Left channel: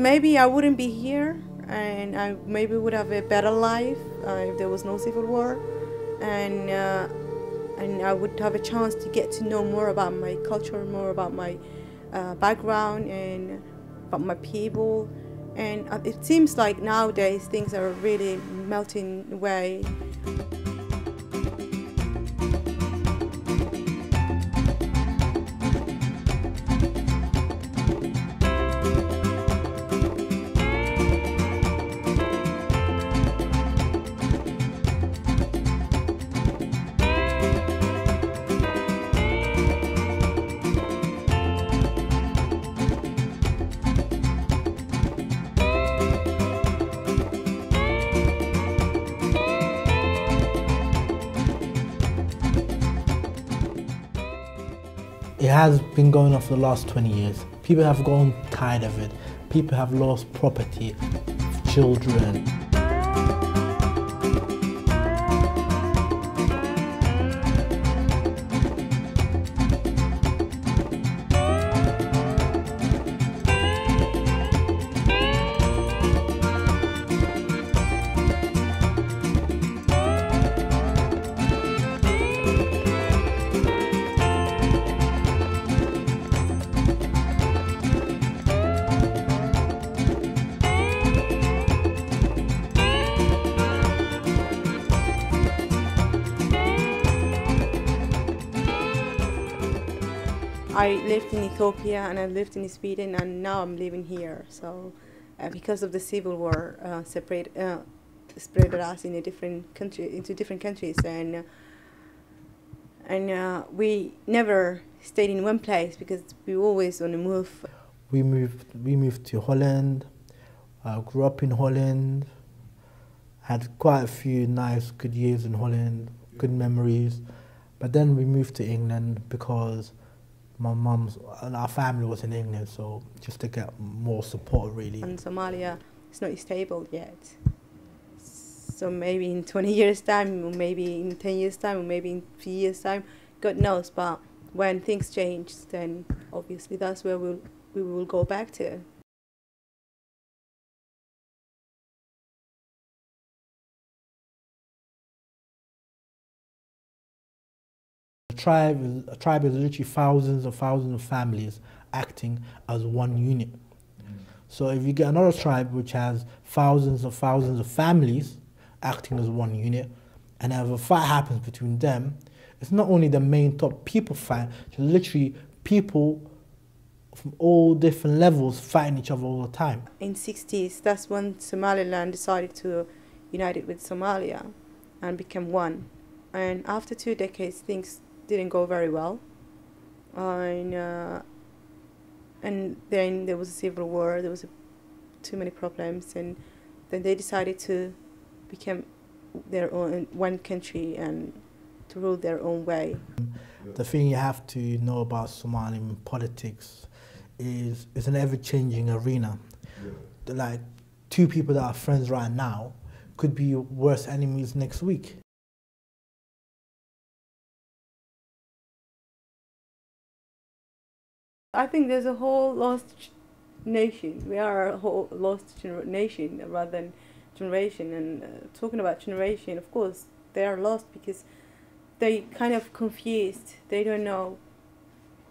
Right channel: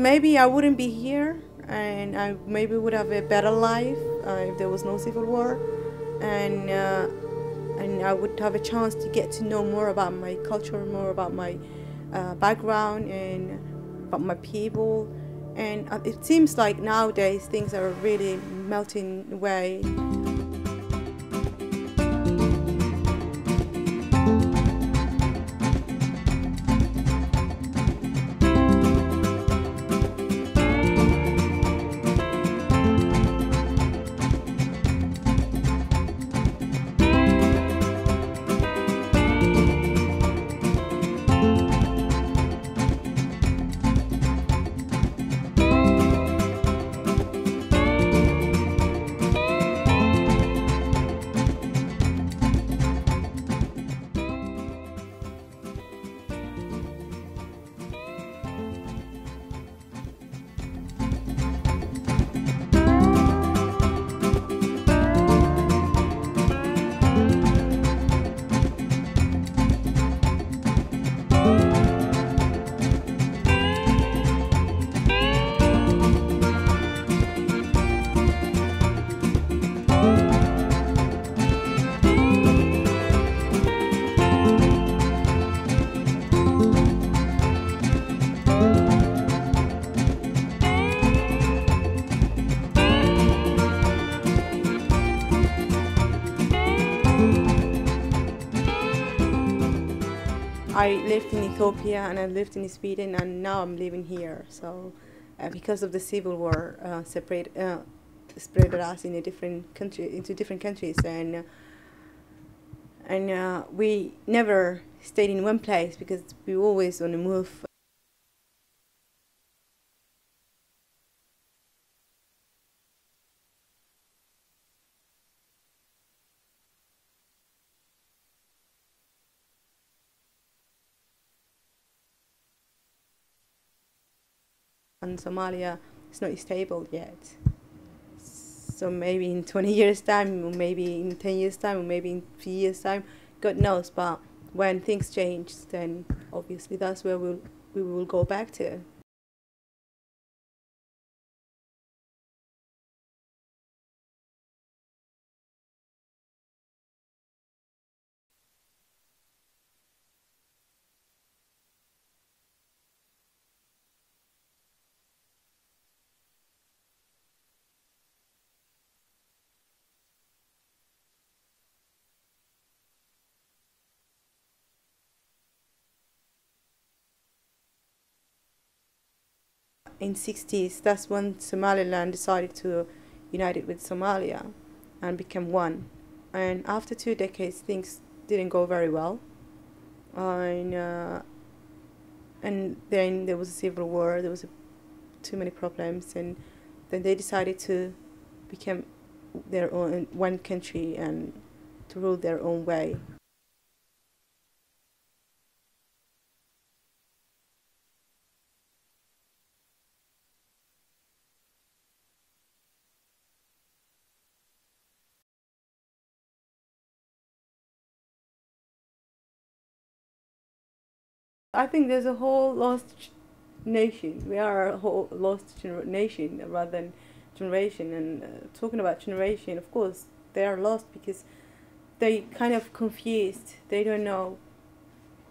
maybe I wouldn't be here, and I maybe would have a better life if there was no civil war, and I would have a chance to get to know more about my culture, more about my background, and about my people. And it seems like nowadays things are really melting away. It has been going on for the last 20 years. People have grown tired of it. People have lost property, children. I lived in Ethiopia and I lived in Sweden, and now I'm living here. So, because of the civil war, spread us in a different country, into different countries, and we never stayed in one place because we always on the move. We moved to Holland. Grew up in Holland. Had quite a few nice, good years in Holland, good memories. But then we moved to England because my mum's and our family was in England, so just to get more support, really. And Somalia is not stable yet. So maybe in 20 years' time, or maybe in 10 years' time, or maybe in 3 years' time, God knows. But when things change, then obviously that's where we will go back to. A tribe is literally thousands and thousands of families acting as one unit. So if you get another tribe which has thousands and thousands of families acting as one unit, and if a fight happens between them, it's not only the main top people fight, it's literally people from all different levels fighting each other all the time. In 60s, that's when Somaliland decided to unite it with Somalia and become one. And after 2 decades, things didn't go very well, and then there was a civil war. There was too many problems, and then they decided to become their own one country and to rule their own way. The thing you have to know about Somali politics is it's an ever-changing arena. Yeah. Like two people that are friends right now could be worse enemies next week. I think there's a whole lost nation. We are a whole lost nation rather than generation. And talking about generation, of course, they are lost because they kind of confused. They don't know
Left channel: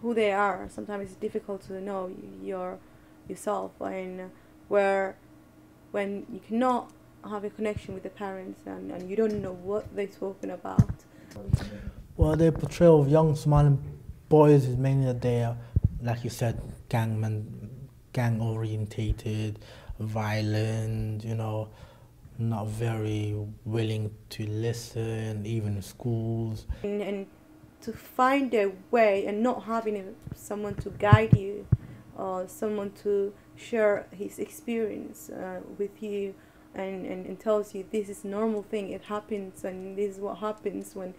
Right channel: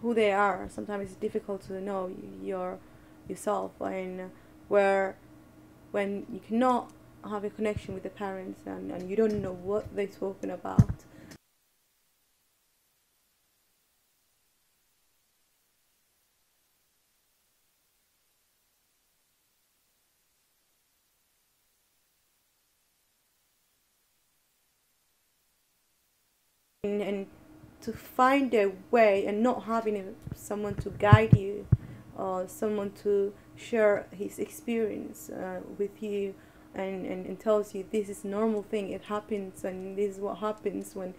who they are. Sometimes it's difficult to know yourself, and when you cannot have a connection with the parents and you don't know what they're talking about. Well, their portrayal of young Somali boys is mainly that they are, like you said, gang-orientated, violent, you know, not very willing to listen, even in schools. And to find a way and not having someone to guide you or someone to share his experience with you and tells you this is a normal thing, it happens, and this is what happens when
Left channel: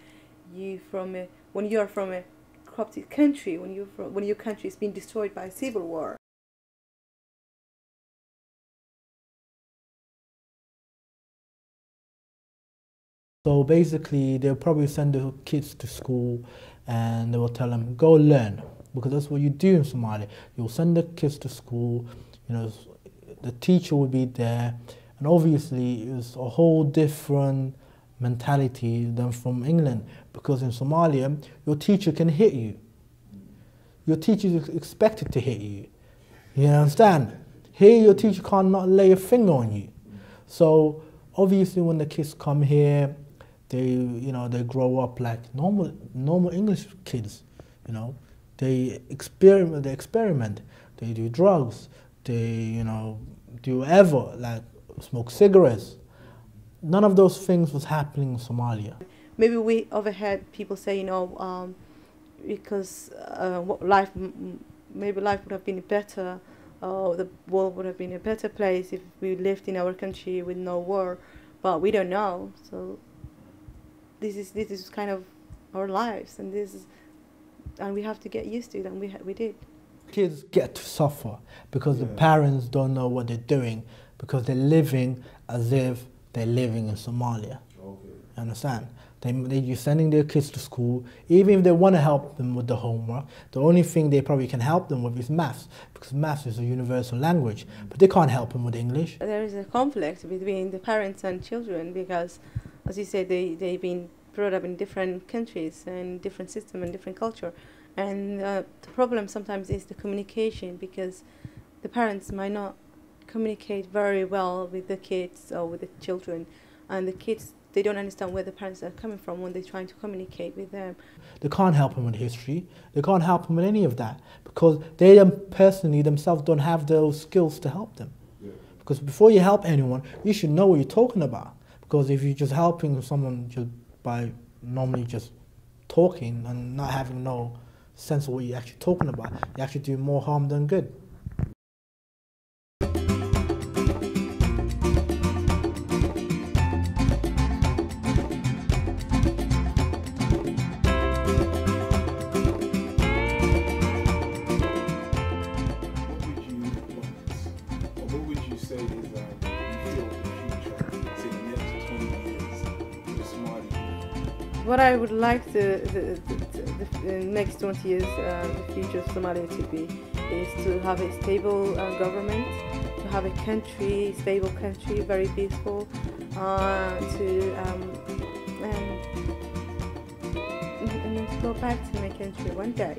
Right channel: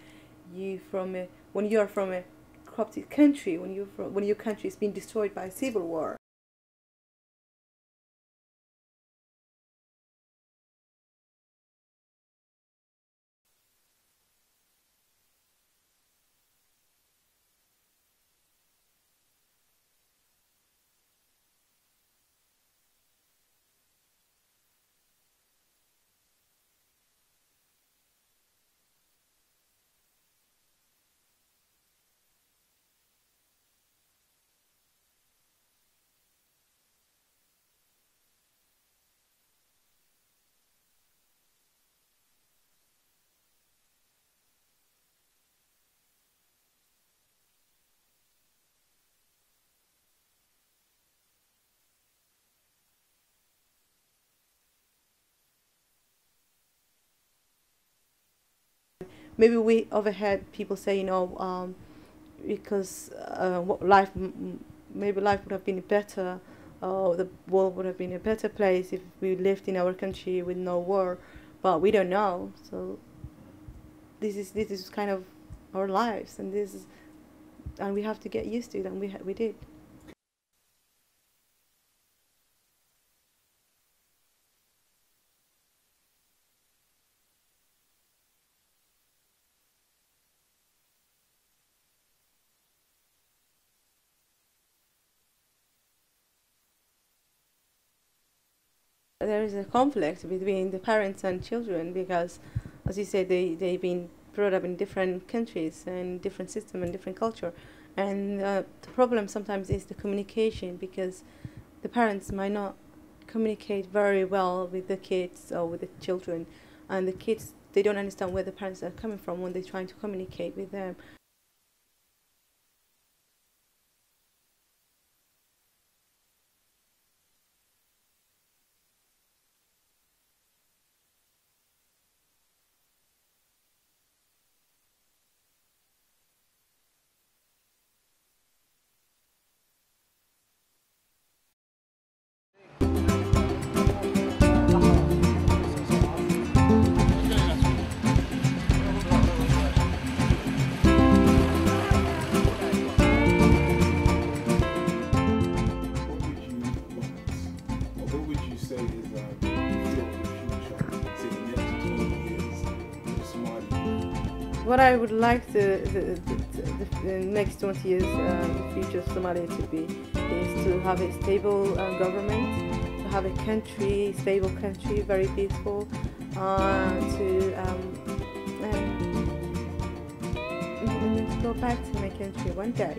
you are from a corrupted country, when your country is being destroyed by a civil war. So basically, they'll probably send the kids to school and they will tell them, go learn, because that's what you do in Somalia. You'll send the kids to school, you know, the teacher would be there, and obviously it's a whole different mentality than from England, because in Somalia your teacher can hit you. Your teacher is expected to hit you. You understand? Here your teacher can't not lay a finger on you. So obviously when the kids come here, they grow up like normal English kids. They experiment, they do drugs, they do whatever, like smoke cigarettes. None of those things was happening in Somalia. Maybe we overheard people say, because maybe life would have been better, the world would have been a better place if we lived in our country with no war, but we don't know. So this is kind of our lives, and we have to get used to it, and we did. Kids get to suffer because the parents don't know what they're doing, because they're living as if they're living in Somalia. Understand? You're sending their kids to school, even if they want to help them with the homework, the only thing they probably can help them with is maths, because maths is a universal language, but they can't help them with English. There is a conflict between the parents and children because, as you said, they've been brought up in different countries and different system and different culture. And the problem sometimes is the communication, because the parents might not communicate very well with the kids or with the children, and the kids, they don't understand where the parents are coming from when they're trying to communicate with them. They can't help them with history. They can't help them with any of that, because they personally themselves don't have those skills to help them. Because before you help anyone, you should know what you're talking about. Because if you're just helping someone just by normally just talking and not having no sense of what you're actually talking about, you actually do more harm than good. What I would like the next 20 years, the future of Somalia to be, is to have a stable government, to have a country, stable country, very peaceful, and to go back to my country one day,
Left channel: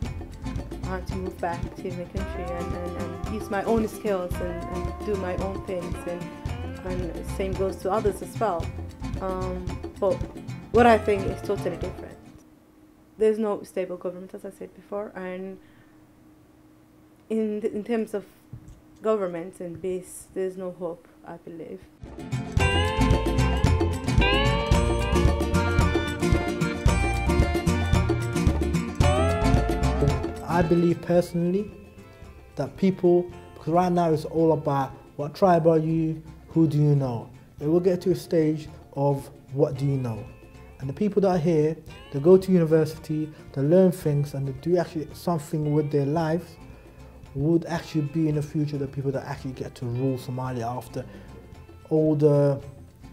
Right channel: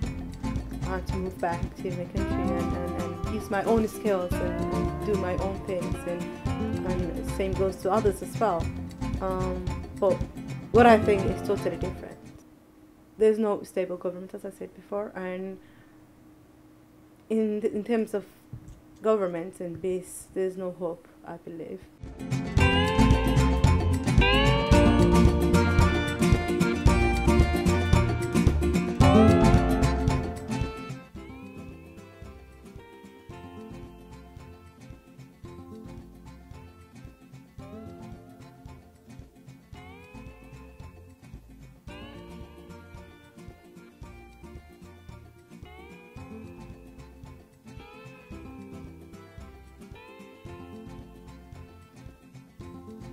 to move back to my country and use my own skills and do my own things, and same goes to others as well. But what I think is totally different. There's no stable government, as I said before, and in terms of government and peace, there's no hope, I believe. I believe personally that people, because right now it's all about what tribe are you, who do you know. But we'll get to a stage of what do you know. And the people that are here, they go to university, they learn things, and they do actually something with their lives, would actually be in the future the people that actually get to rule Somalia after all the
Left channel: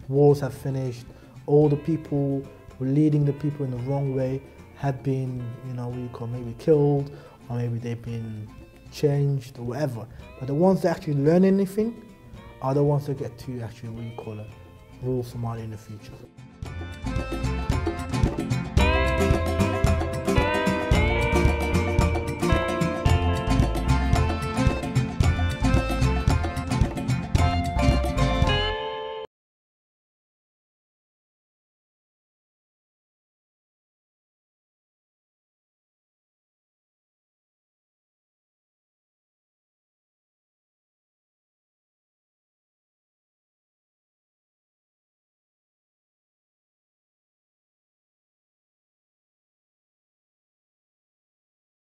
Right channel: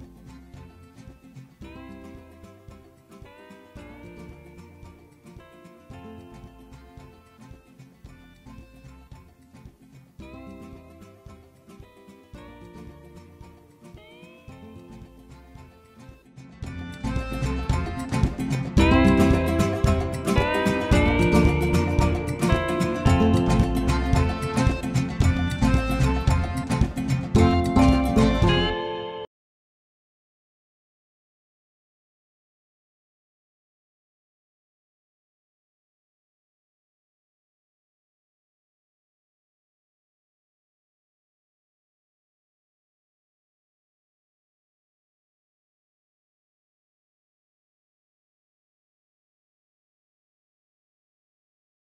wars have finished, all the people who are leading the people in the wrong way have been, maybe killed, or maybe they've been changed or whatever. But the ones that actually learn anything are the ones that get to actually, rule Somalia in the future.